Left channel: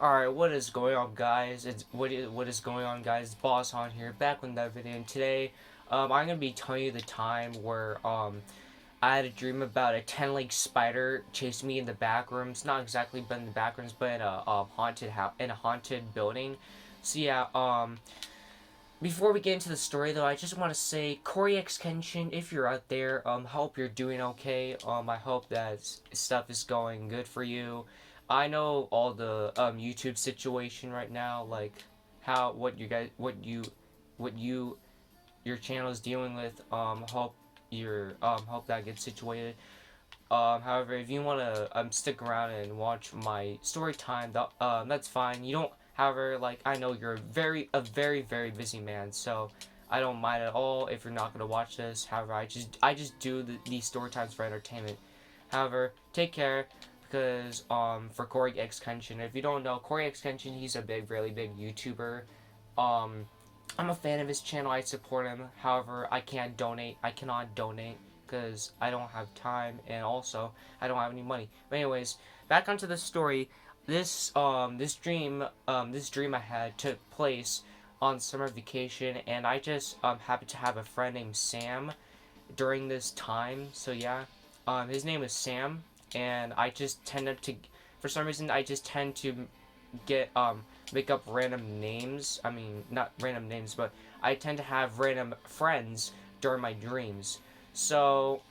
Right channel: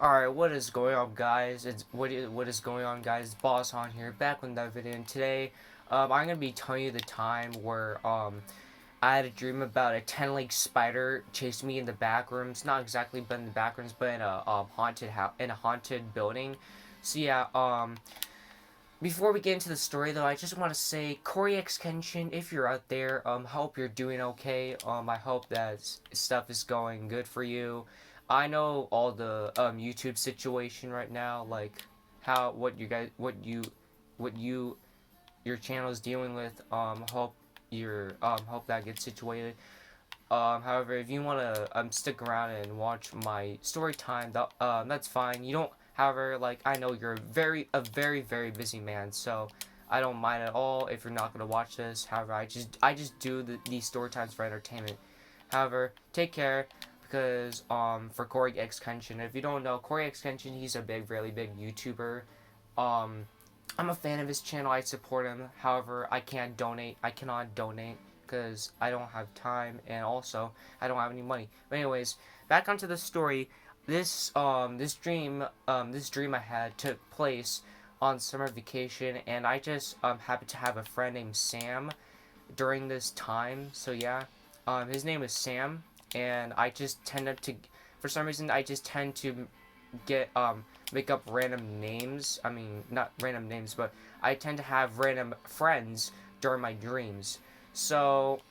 Alright, what is going on, guys? What is going on, guys? Boss on here, back with another video. And today, I'm gonna be telling you the time where I had a dream about a 10-leg spider chasing me in the back rooms. Not exactly, but in the back rooms, but in a haunted house, in a haunted building. So yeah, before we get into the story, though, I just want to say, CoryxKenshin, if you're out there, hope you're doing okay. I hope that stuff is going good for you. I know all the YouTube situation right now, like how what you guys, what you your channel is dealing with. Hope that gets situated. However, if you want to stick around and watch my story time, that's fine. You don't. However, like I know you're very busy man, so I don't mind at all if you're not gonna watch this. However, I just do these story times for entertainment. However, take care because for CoryxKenshin, if you don't know CoryxKenshin, he's a really big YouTuber. Um, I'm a fan of his channel. I support him. However, I can't donate. I cannot donate because I don't have time and also I don't have any money. But anyways, back onto the story. This dream I had took place on summer vacation, and I just happened to have a friend named Sam during this time. So yeah, his name is Sam, and I just tended to, for some reason, I just tend to get make up random names. I mean, not random names, but I tend to have random friends during my dreams. So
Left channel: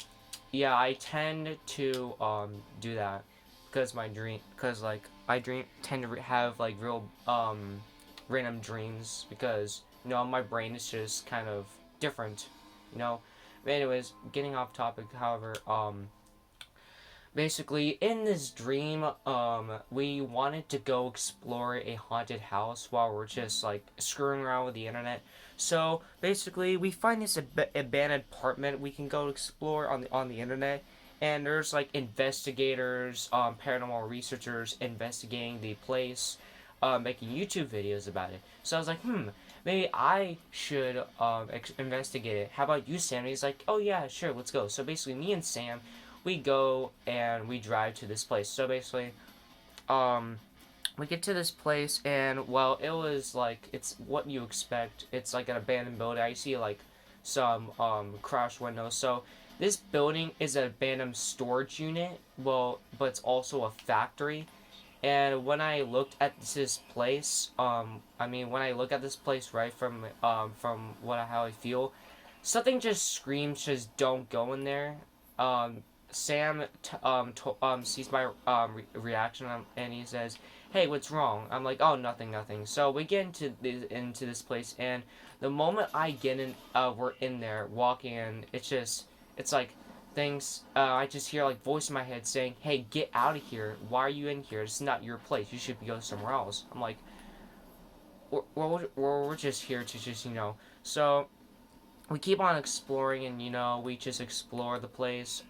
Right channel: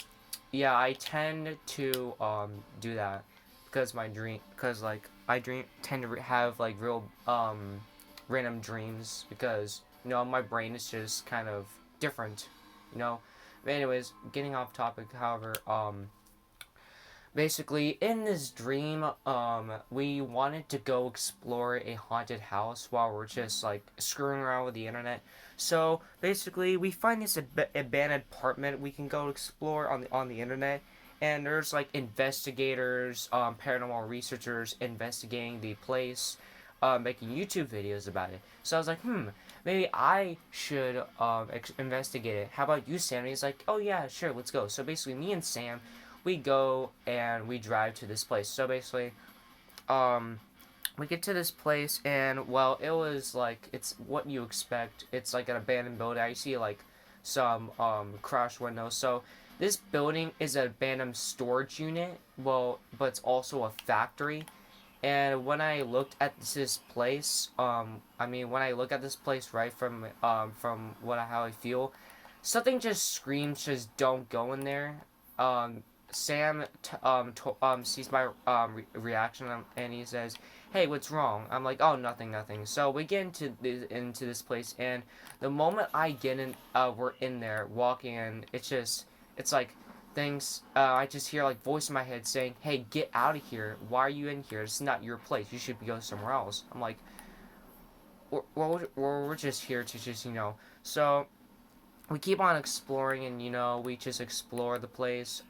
yeah, I tend to do that because like I dream tend to have like real random dreams because my brain is just kind of different, you know. But anyways, getting off topic. However, basically in this dream, we wanted to go explore a haunted house while we're just like screwing around with the internet. So basically, we find this abandoned apartment we can go explore on the internet, and there's like investigators, paranormal researchers investigating the place, making YouTube videos about it. So I was like, maybe I should investigate it. How about you, Sam? And he's like, oh yeah, sure, let's go. So basically, me and Sam, we go and we drive to this place. So basically, um, we get to this place, and well, it was like it's what you expect. It's like an abandoned building. I see like some crash windows. So this building is an abandoned storage unit. Well, but it's also a factory. And when I looked at this place, when I look at this place right from how I feel, something just screams, just don't go in there. Sam sees my reaction, and he says, "Hey, what's wrong?" I'm like, "Oh, nothing, nothing." So we get into this place, and the moment I get in, we're in there walking, and it's like things. I just hear like voice in my head saying, "Hey, get out of here! Why are you in here? It's not your place. You should go somewhere else." I'm like, we're just here to just. So we keep on exploring, and we just explore the place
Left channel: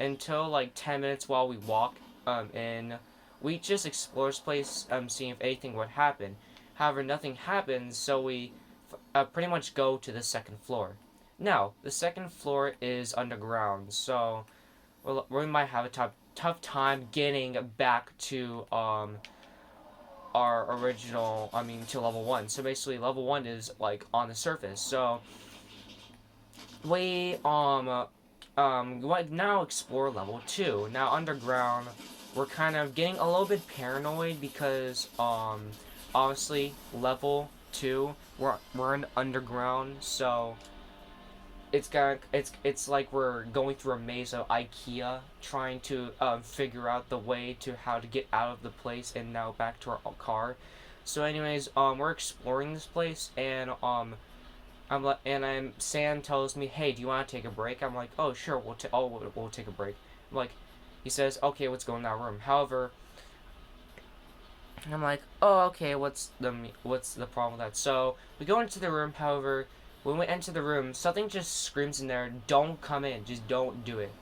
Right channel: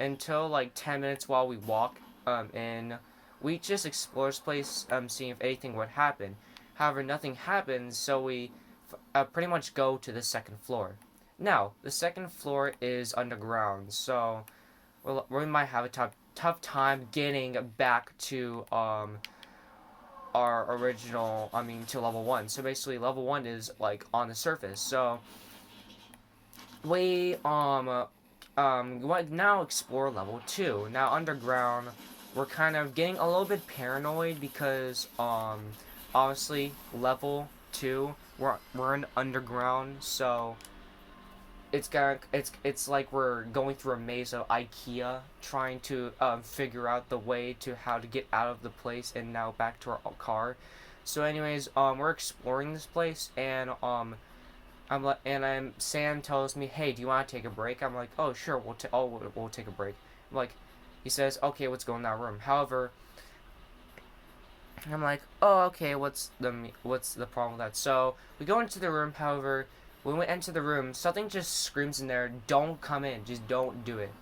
until like 10 minutes while we walk in. We just explore this place, seeing if anything would happen. However, nothing happens, so we pretty much go to the second floor. Now the second floor is underground, so we might have a tough time getting back to our original, to level 1. So basically level 1 is like on the surface. So we now explore level 2. Now underground, we're kind of getting a little bit paranoid because honestly, level 2, we're in underground, so it's like we're going through a maze of IKEA trying to figure out the way to how to get out of the place and now back to our car. So anyways, we're exploring this place, and Sam tells me, "Hey, do you want to take a break?" I'm like, "Oh, sure, we'll take a break." I'm like, he says, "Okay, let's go in that room." However, I'm like, "Oh, okay, what's the problem with that?" So we go into the room. However, when we enter the room, something just screams in there, "Don't come in, just don't do it."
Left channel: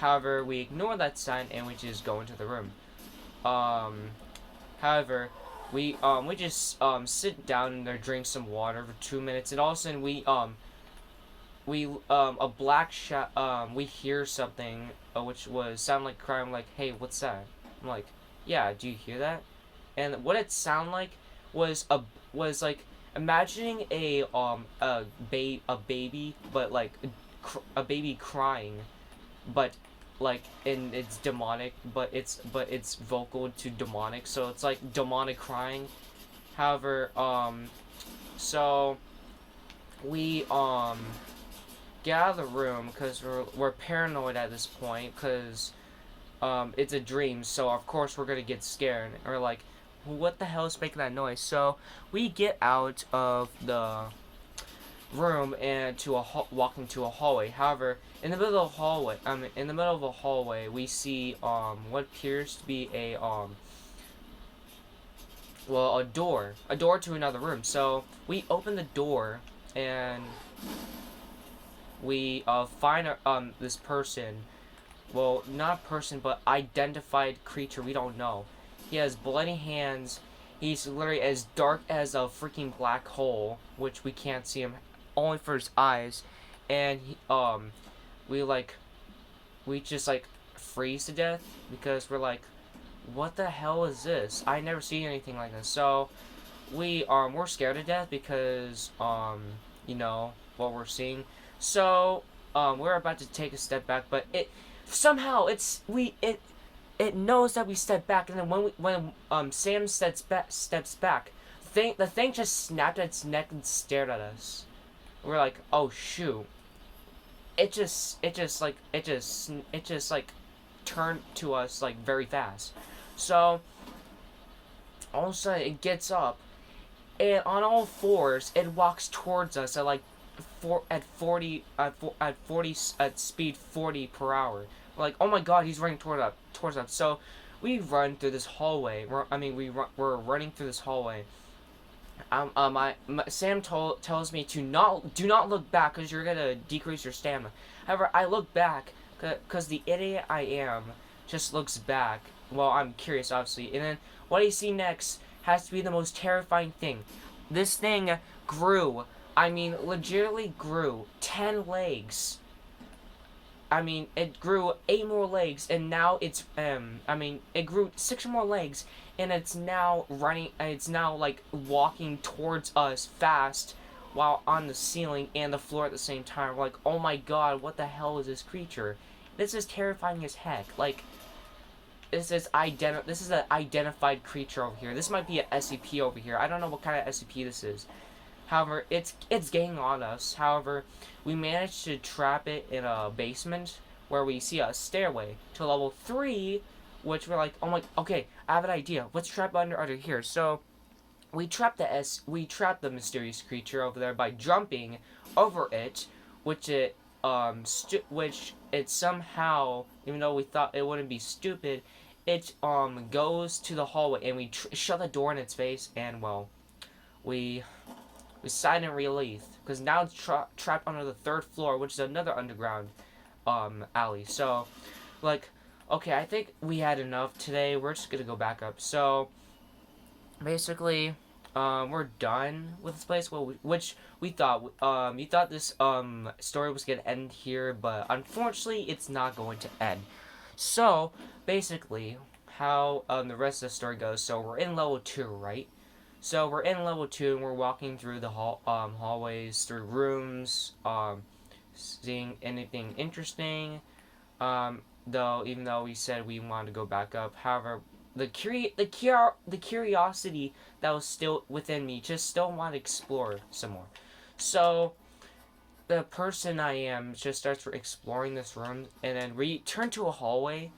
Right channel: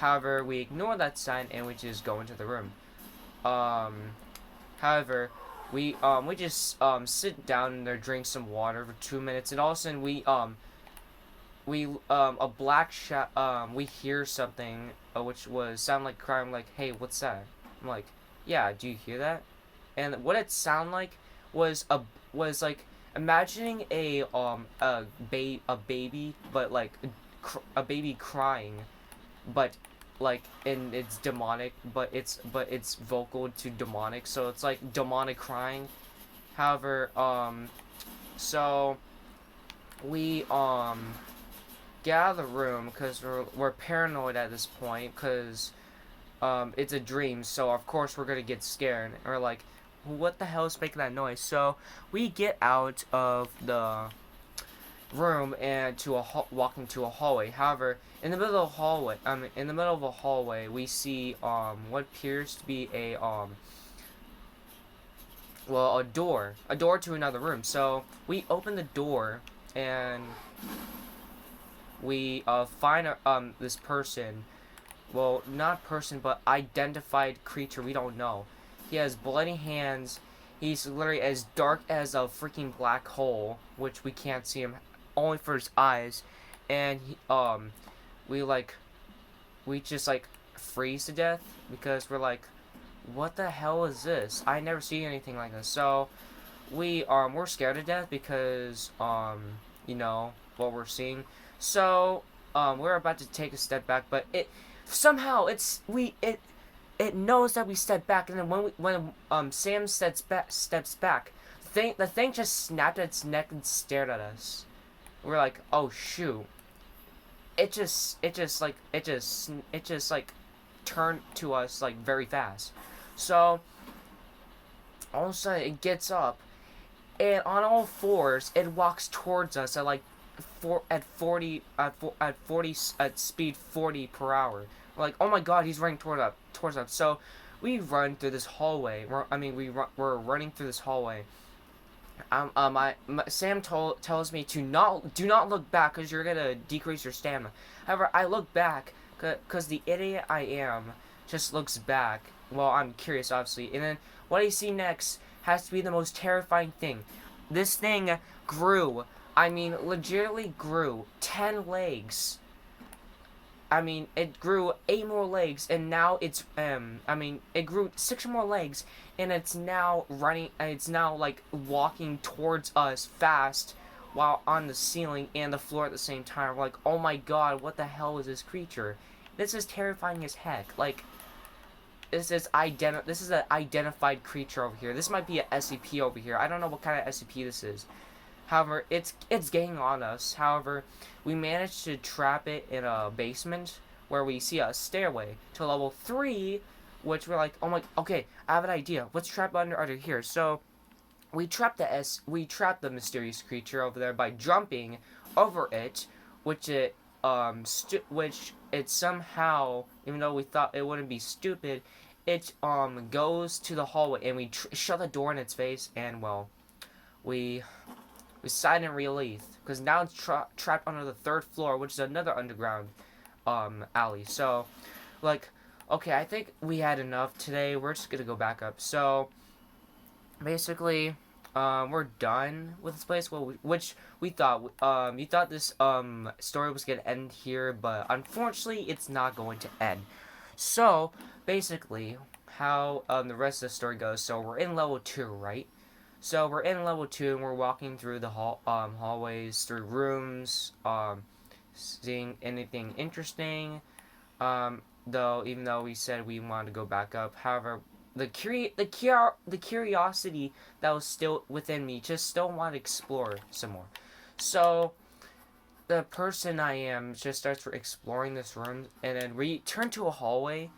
However, we ignore that sign and we just go into the room. Um, However, we just sit down in there, drink some water for 2 minutes, and all of a sudden we a black shot we hear something which was sound like crying, like, "Hey, what's that?" I'm like, "Yeah, do you hear that?" and what it sounded like was like imagining a baby, but like a baby crying, but like and it's demonic, but it's vocal to demonic, so it's like demonic crying. However, so we get out of the room because we're paranoid at this point because it's a dream, so of course we're gonna get scared. And we're like, what the hell is making that noise? So we get out of the room and walk into a hallway. However, in the middle of the hallway, we see what appears to be a door to another room. So we open the door and we find this person. Well, not person, but identified creature we don't know. He has bloody hands. He's literally as dark as a freaking black hole, which we can't see him only for his eyes. And we just like freeze to death because we're like, what the hell is this? I never seen anything like this. So we're scared to death because you know what we're seeing. So we're about to take a step back, but it somehow it knows that we step back, and then when Sam steps back, the thing just snapped its neck and stared at us. We're like, oh shoot! It just like turned to us like very fast. So all of a sudden it gets up, and on all fours it walks towards us at like at speed 40 per hour. We're like, oh my god, he's running towards us. So we run through this hallway. We're running through this hallway. Sam tells me to do not look back because you're gonna decrease your stamina. However, I look back because the idiot I am just looks back. Well, I'm curious, obviously, and then what I see next has to be the most terrifying thing. This thing grew. I mean, legitimately grew 10 legs. I mean, it grew 8 more legs, and now it's, it grew 6 more legs, and it's now running, it's now, like, walking towards us fast while on the ceiling and the floor at the same time. We're like, oh my god, what the hell is this creature? This is terrifying as heck. Like, this is an identified creature over here. This might be an SCP over here. I don't know what kind of SCP this is. However, it's getting on us. However, we managed to trap it in a basement where we see a stairway to level 3, which we're like, oh my, okay, I have an idea. Let's trap under here. So we trapped the mysterious creature over there by jumping over it, which it somehow, even though we thought it wouldn't be stupid, it goes to the hallway, and we shut the door in its face, and well, we sighed in relief because now it's trapped under the 3rd floor, which is another underground alley. So, like, okay, I think we had enough today. We're just gonna go back up. So, basically, we're done with this place. Well, which we thought. You thought this story was gonna end here, but unfortunately, it's not going to end. So, basically, how the rest of the story goes. So we're in level 2, right? So we're in level 2 and we're walking through the hallways, through rooms, seeing anything interesting. Though even though we said we wanted to go back up, however, the curiosity that was still within me just still wanted to explore some more. So the person I am just starts exploring this room, and then we turn to a hallway,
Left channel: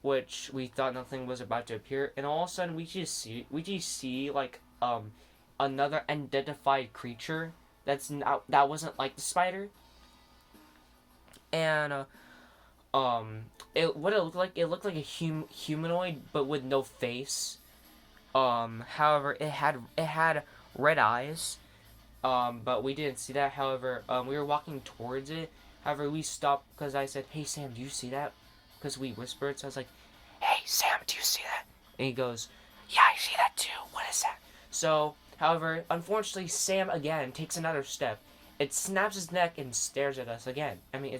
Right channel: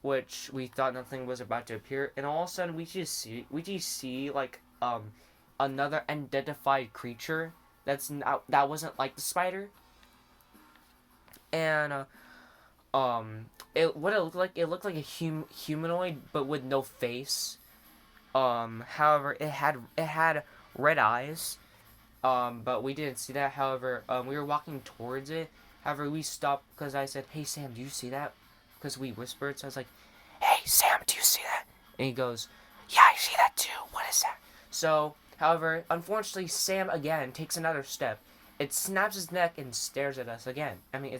which we thought nothing was about to appear, and all of a sudden we just see like another unidentified creature that wasn't like the spider, and it looked like a humanoid but with no face. However, it had red eyes, but we didn't see that. However, we were walking towards it. However, we stopped because I said, "Hey Sam, do you see that?" Because we whispered. So I was like, "Hey Sam, do you see that?" And he goes, "Yeah, I see that too. What is that?" So, however, unfortunately, Sam again takes another step. It snaps his neck and stares at us again. I mean,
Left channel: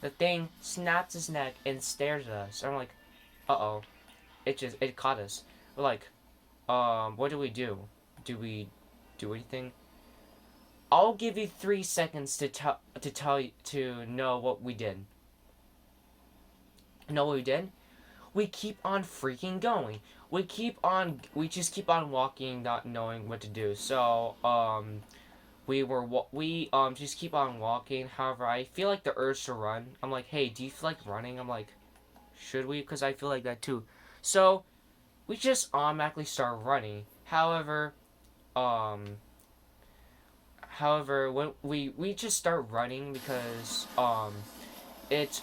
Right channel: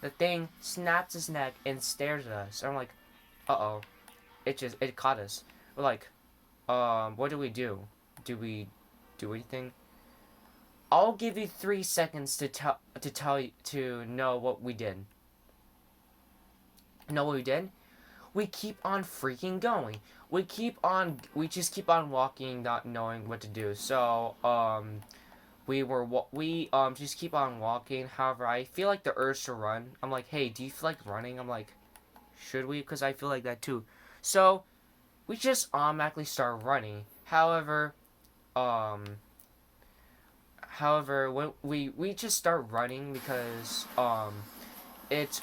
the thing snaps his neck and stares at us. And I'm like, uh-oh. It caught us. We're like, what do we do? Do we do anything? I'll give you 3 seconds to tell you to know what we did. Know what we did? We keep on freaking going. We just keep on walking, not knowing what to do. So we just keep on walking. However, I feel like the urge to run. I'm like, hey, do you feel like running? I'm like, should we? Because I feel like that too. So we just automatically start running. Um, however, when we just start running because it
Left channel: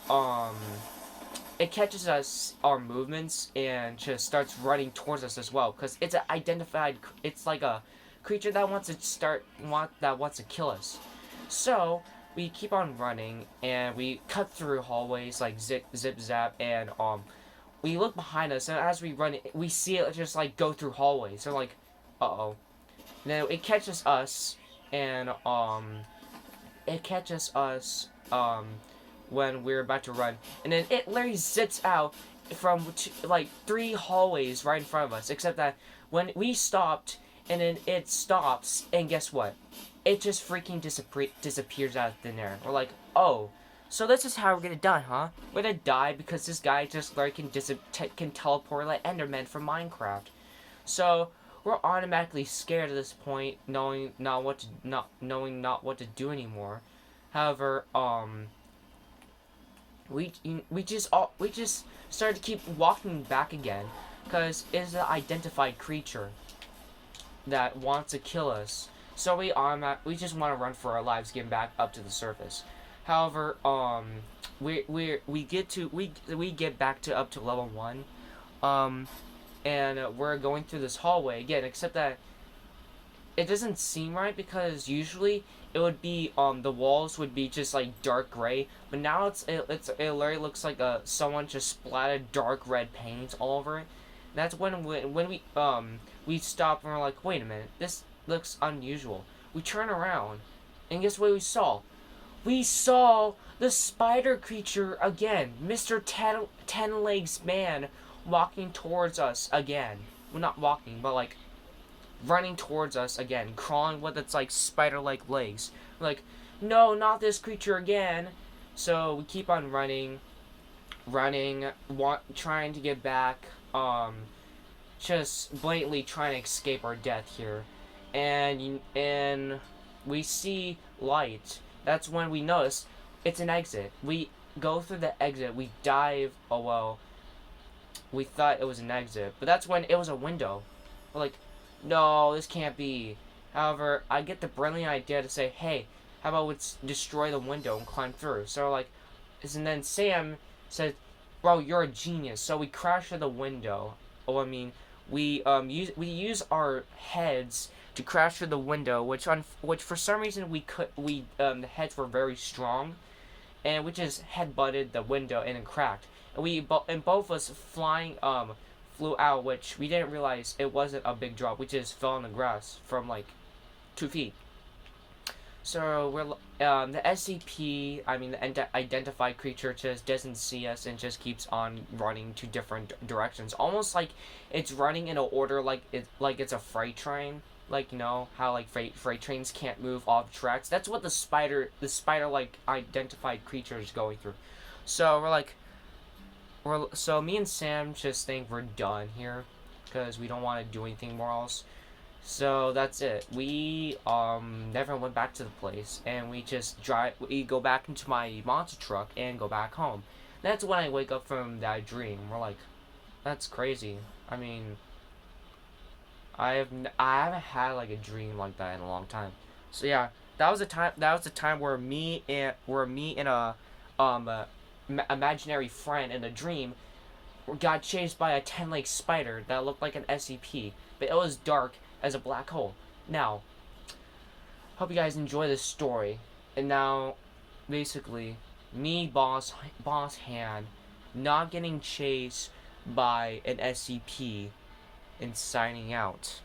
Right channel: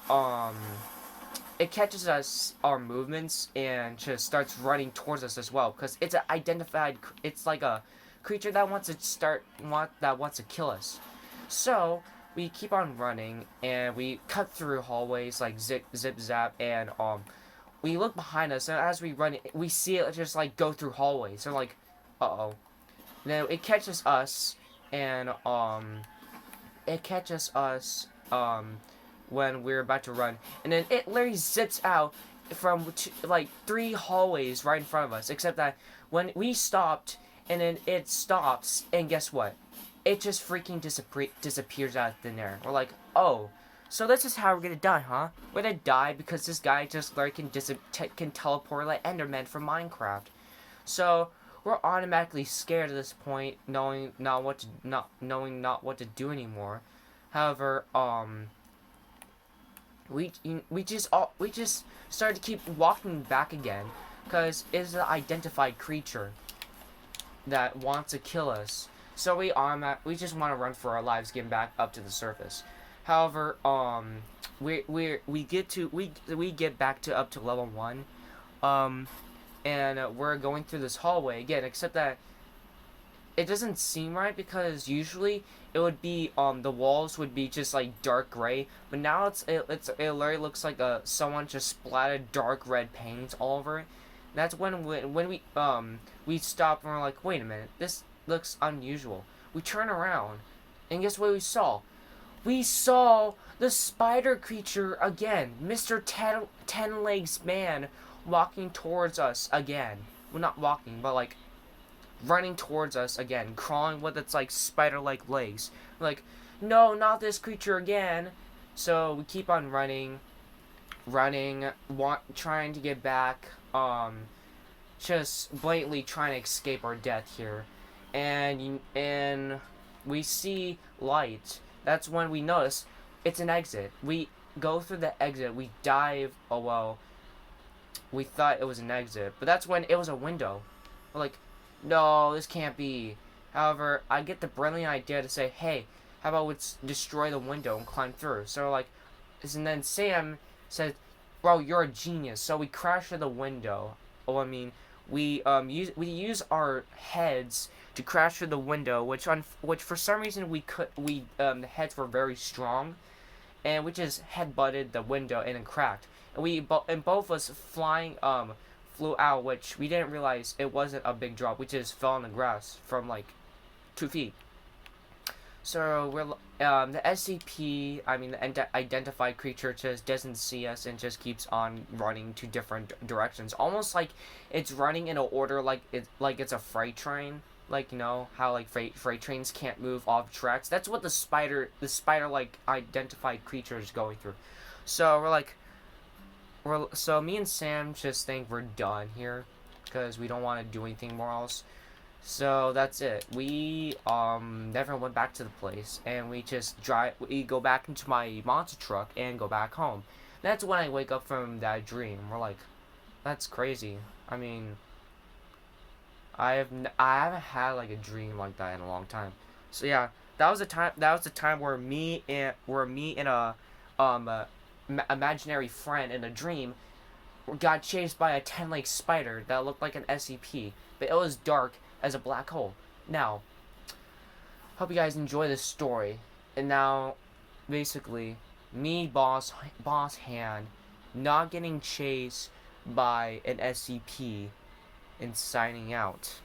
it catches us our movements and just starts running towards us as well because it's an identified. It's like a creature that wants to kill us. So we keep on running and we cut through hallways like zip zap and we look behind us and as we run we see it just like go through hallways. So like, uh-oh. Then it catches us and it catches us when we're about to run, and then it literally zips out from like 3 hallways right in front of us. Except that when we stopped, and then it stops, and guess what? It just freaking disappears out of thin air. We're like, oh, so this is how we're gonna die, huh? We're gonna die because this guy just like can teleport like Enderman from Minecraft. So we're automatically scared at this point, knowing not what to do anymore. However, we just started to keep walking back again because it's an identified creature that wants to kill us. So we just want to run for our lives, getting back up to the surface. However, we get back to up to level 1, and we're going through this hallway again. Except that it doesn't seem right because usually it would be the walls would be just like dark gray, but now it literally looks like someone just splattered dark red paint all over it. And that's when we stop and we're like, wait a minute, this looks unusual. We turn around, and guess what we saw? We saw the spider creature again, Mr. Ten Legs Man, walking towards us again. Well, not walking, but like running towards us again, crawling with its like spider-like legs. Like, no, not this creature again. So we keep on running, trying to get back, just blatantly trying to escape our death here, and we see light. That's when we notice it's an exit. We go through the exit. We dive. Oh well. We thought it was an exit, but that's when it was a window. We're like, no, this can't be. However, I get the brilliant idea to say, hey, how about we destroy the window and climb through? So like, and then Sam says, bro, you're a genius. So we crash through the window. Oh, I mean, we use our heads to crash through the window, which for some reason the heads were very strong, and we just head-butted the window and it cracked. And both of us flew out, which we didn't realize it wasn't a big drop. We just fell on the grass from like 2 feet. So the SCP, I mean the identified creature, just doesn't see us and just keeps on running to different directions, almost like it's running in an order like it's a freight train. Like, you know how like freight trains can't move off tracks. That's what the spider like identified creature is going through. So so me and Sam just think we're done here because we don't want to do anything more else. So that's it. We never went back to the place, and we just we go back into my monster truck and go back home. That's when I wake up from that dream. We're like, that's crazy. I mean, I haven't had like a dream like that in a long time. So yeah, that was the time where me and a imaginary friend in a dream got chased by a 10-leg spider that looked like an SCP, but it was dark as a black hole. Now, hope you guys enjoy this story. And now, basically, me, Boss Han, not getting chased by an SCP and signing out.